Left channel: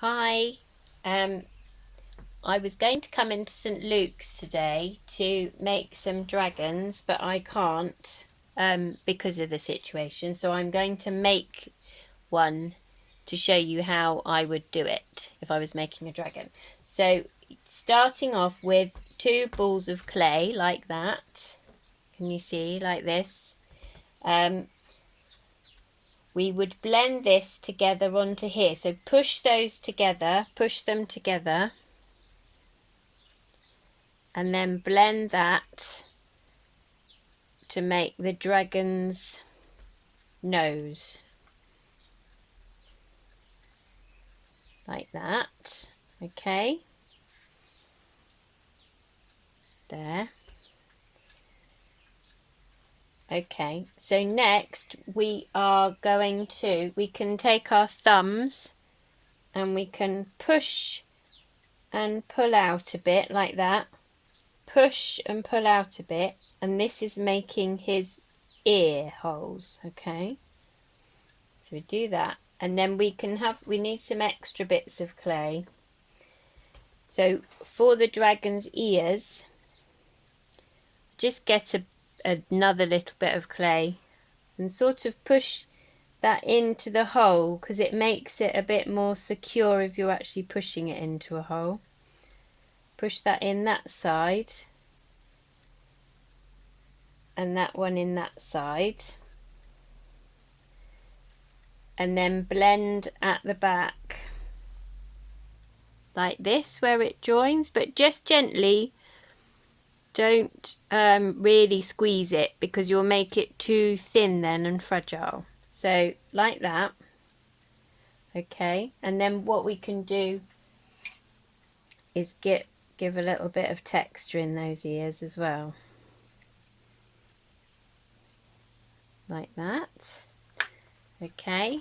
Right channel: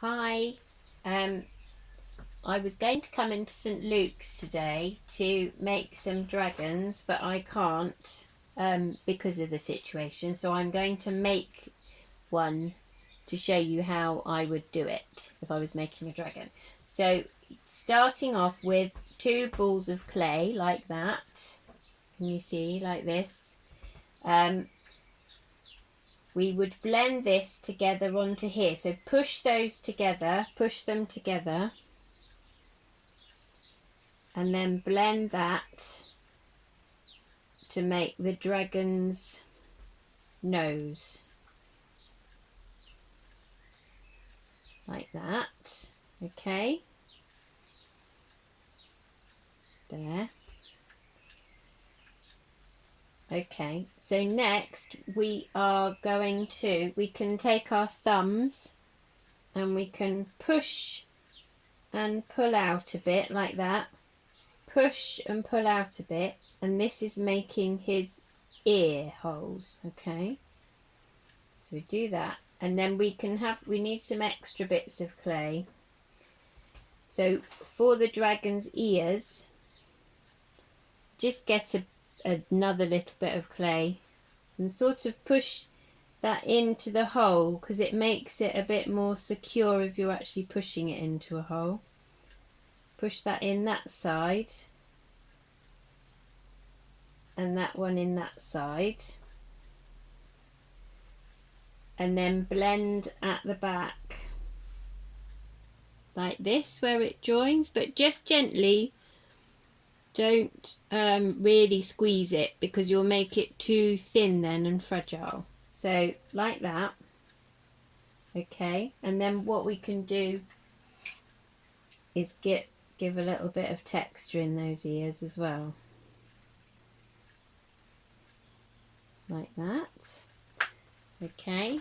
Hi. Um, I was going to come into St Luke's today to make some dragons, but I can't because of the situation. So I'm going to make one to show you how I would do it if I was making a dragon. So starting off with two balls of clay like that. Can you see like this? Um, we would blend this together onto here. So push those together, push them together, and then blend that to make the dragon's nose like that. Okay, there. Okay, so next we can take our thumbs and we can push and pull out a bit like that. Push and pull out a bit, and this is making his ear holes. Okay, so we do that, and then we need some extra bits of clay. So for the dragon's ears, just get another little bit of clay and sort of push that into the hole, because it makes it a bit more secure if you're actually pushing it into a hole. Push that in that side and that one in that side, and then blend at the back like this where it joins, but just gently. Don't really squeeze it because you'll make it too thin then and fragile. So like that. Okay, and then what we can do is give a little bit of texture in those ears as well, like that. Okay,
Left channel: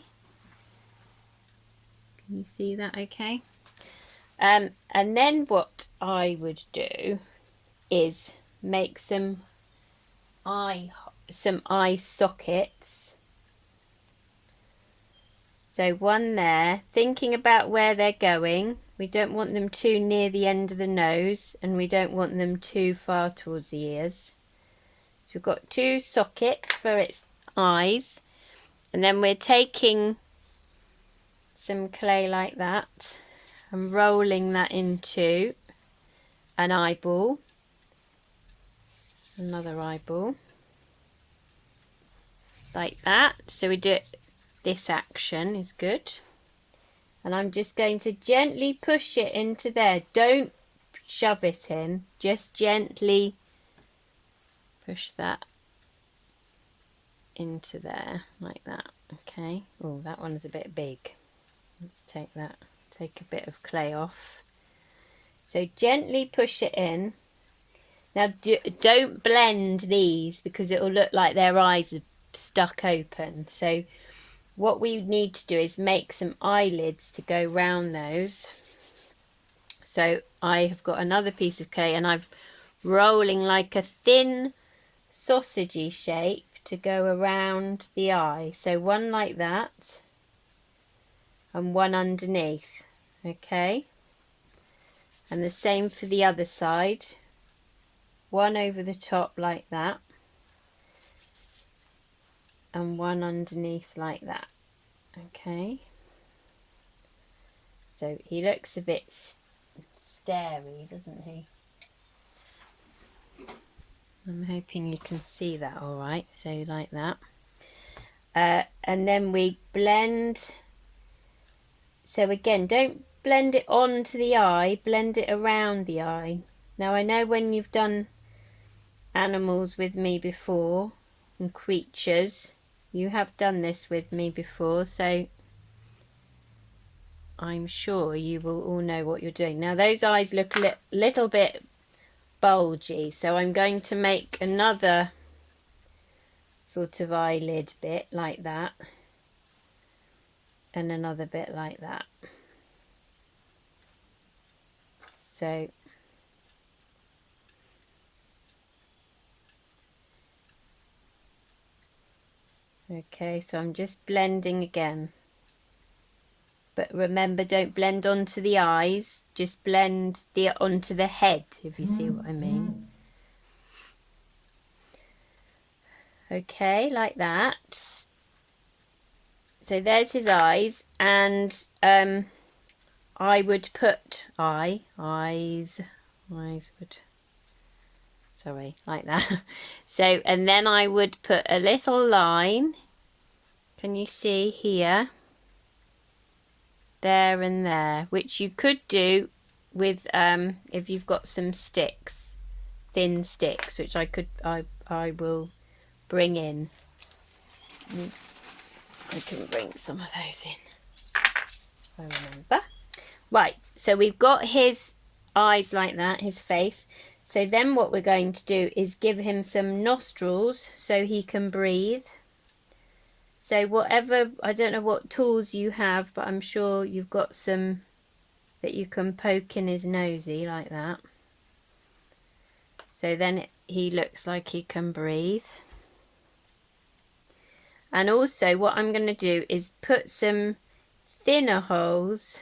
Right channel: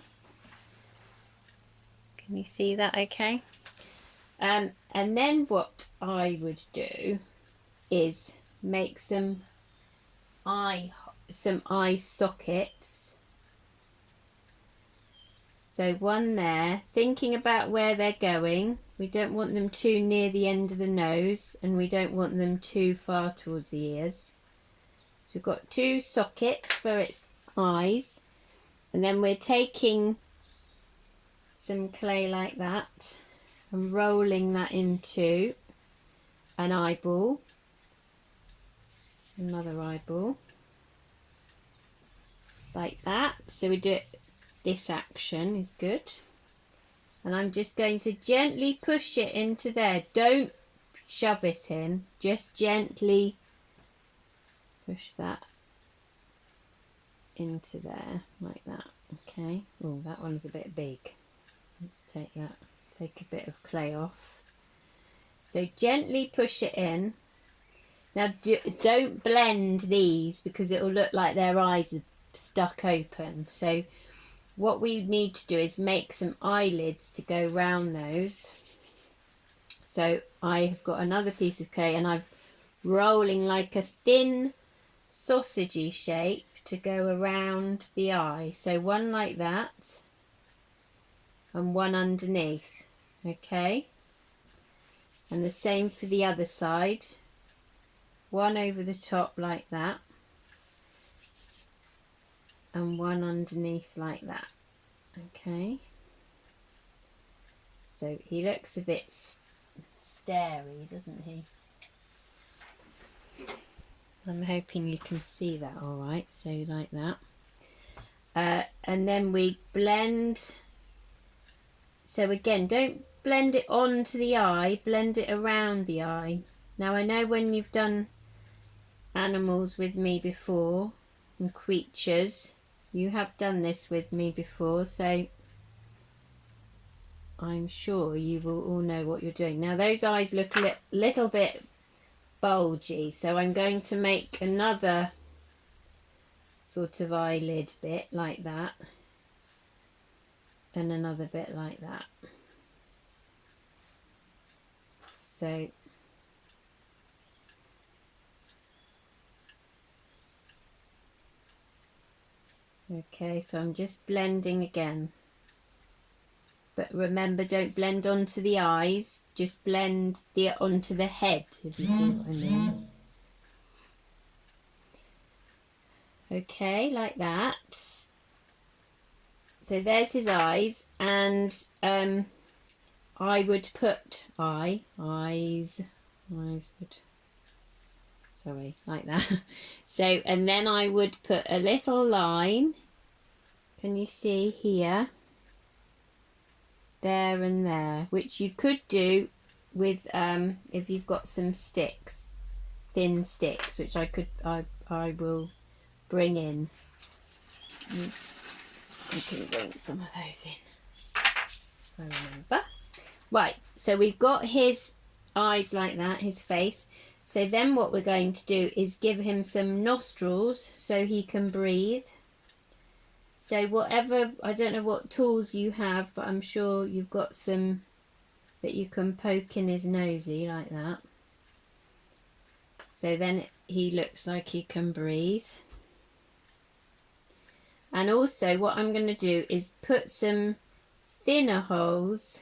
can you see that? Okay. And then what I would do is make some eye sockets. So one there, thinking about where they're going. We don't want them too near the end of the nose, and we don't want them too far towards the ears. So we've got two sockets for its eyes, and then we're taking some clay like that and rolling that into an eyeball, another eyeball, like that. So we do this action is good. And I'm just going to gently push it into there. Don't shove it in, just gently push that into there like that. Okay. Oh, that one's a bit big. Let's take a bit of clay off. So gently push it in. Now don't blend these because it'll look like their eyes are stuck open. So what we need to do is make some eyelids to go round those. So I have got another piece of clay and I'm rolling like a thin sausagey shape to go around the eye. So one like that and one underneath. Okay, and the same for the other side. One over the top like that and one underneath like that. Okay, so he looks a bit starey, doesn't he? I'm hoping you can see that all right. So like that. And then we blend. So again, don't blend it onto the eye, blend it around the eye. Now I know when you've done animals with me before and creatures, you have done this with me before, so I'm sure you will all know what you're doing. Now those eyes look a little bit bulgy, so I'm going to make another sort of eyelid bit like that and another bit like that. So okay, so I'm just blending again. but remember, don't blend onto the eyes, just blend onto the head, if you see what I mean. Okay, like that. So there's his eyes, and I would put eyes would, sorry, like that. So, and then I would put a little line, can you see here, there and there, which you could do with if you've got some sticks, thin sticks, which I will bring in. I can bring some of those in, I remember. Right, so we've got his eyes like that, his face. So then what we're going to do is give him some nostrils so he can breathe. So whatever, I don't know what tools you have, but I'm sure you've got some that you can poke in his nosy like that. So then he looks like he can breathe. And also what I'm going to do is put some thinner holes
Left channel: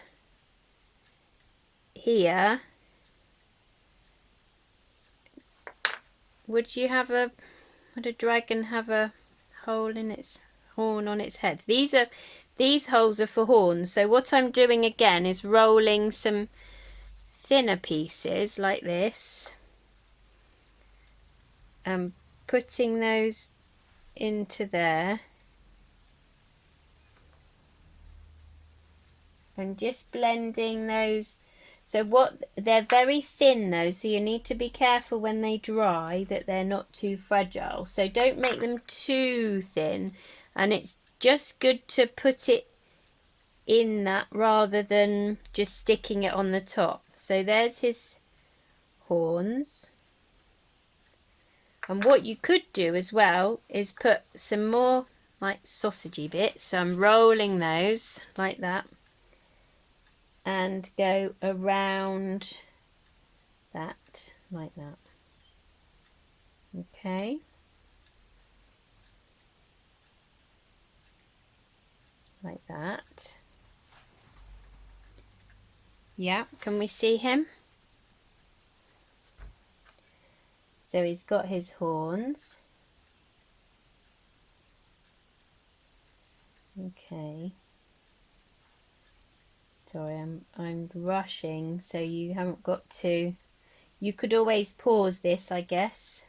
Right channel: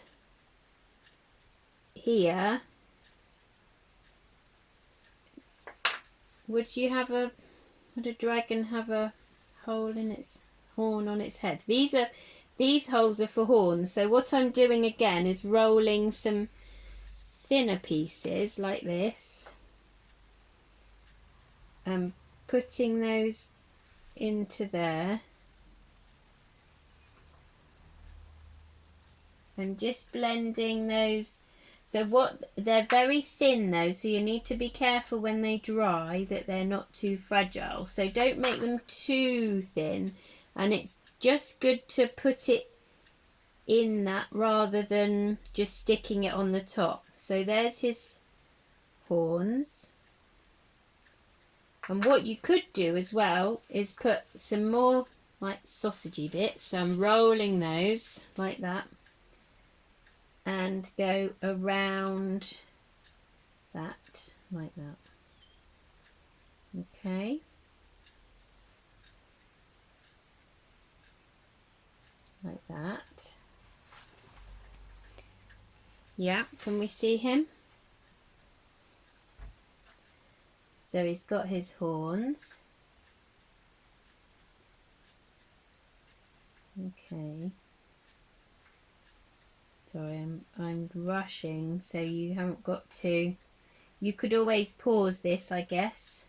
here. Would a dragon have a hole in its horn on its head? These holes are for horns. So what I'm doing again is rolling some thinner pieces like this and putting those into there. And just blending those. So they're very thin though, so you need to be careful when they dry that they're not too fragile. So don't make them too thin, and it's just good to put it in that rather than just sticking it on the top. So there's his horns. And what you could do as well is put some more like sausagey bits. So I'm rolling those like that and go around that like that. Okay. Like that. Yeah, can we see him? So he's got his horns. Okay. Sorry, I'm rushing, so you haven't got to. You could always pause this, I guess,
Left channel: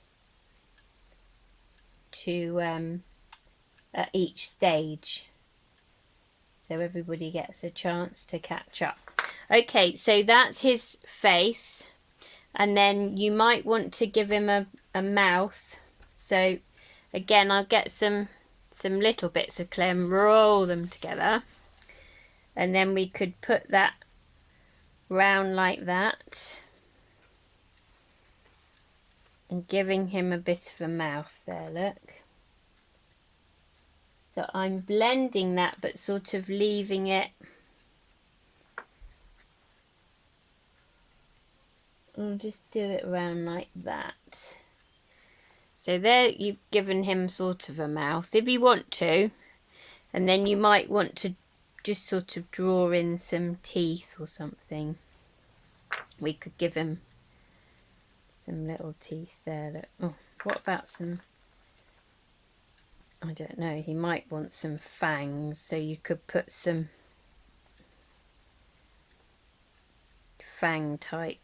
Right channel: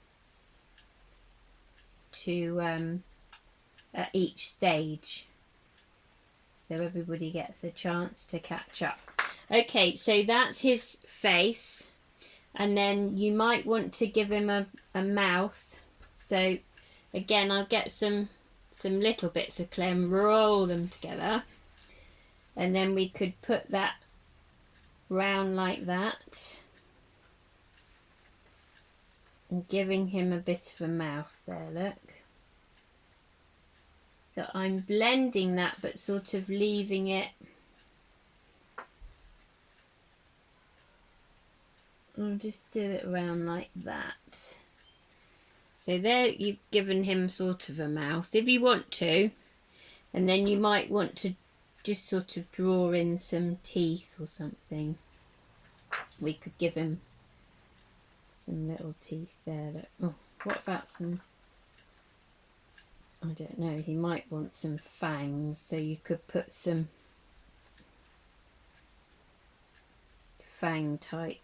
to at each stage, so everybody gets a chance to catch up. Okay, so that's his face, and then you might want to give him a mouth. So again, I'll get some little bits of clay and roll them together. And then we could put that round like that. And giving him a bit of a mouth there, look. So I'm blending that, but sort of leaving it. I'll just do it around like that. So there you've given him sort of a mouth, if you want to. And then you might want to just sort of draw in some teeth or something. We could give him some little teeth there. Oh, what about some, I don't know, he might want some fangs, so you could put some fang type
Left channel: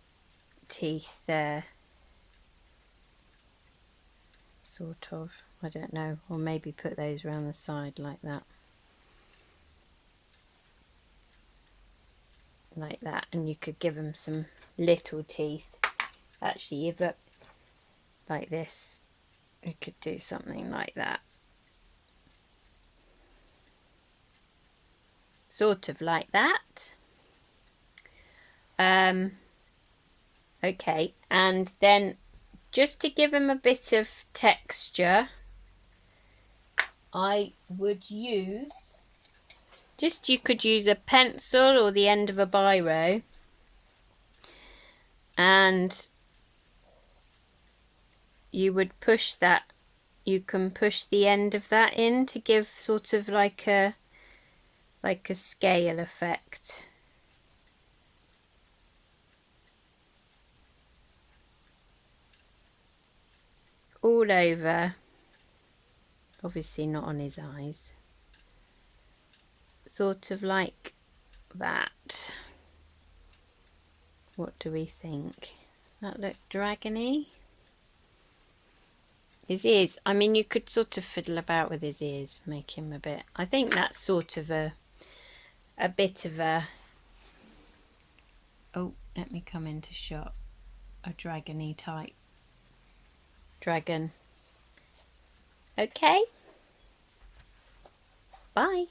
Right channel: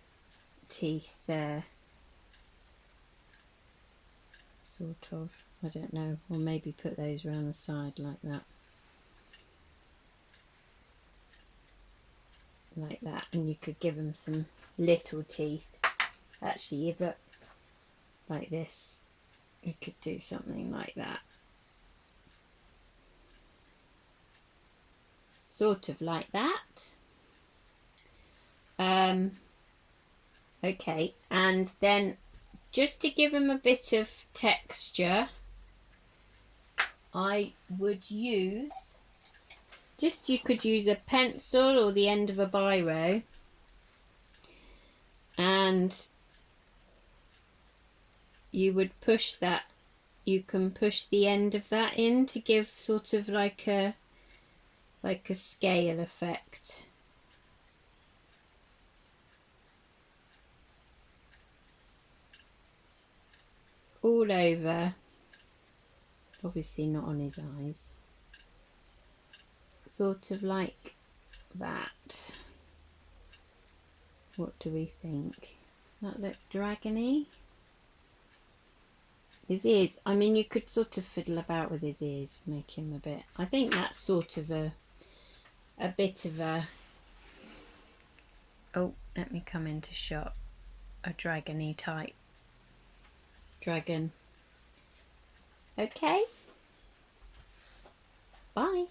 teeth there. Sort of, I don't know, or maybe put those around the side like that. Like that, and you could give them some little teeth. Actually, if it like this, you could do something like that, sort of like that. Okay, and then just to give him a bit of texture, I would use you could use a pencil or the end of a biro, and you would push that, you can push the end of that in to give sort of like a like a scale effect. All over, obviously not on his eyes, sort of like that. What do we think? That look dragony? His ears, I mean, you could sort of fiddle about with his ears, make him a bit, I think that's sort of a bit of a, oh, let me come into shot, a dragony type dragon. Okay, bye.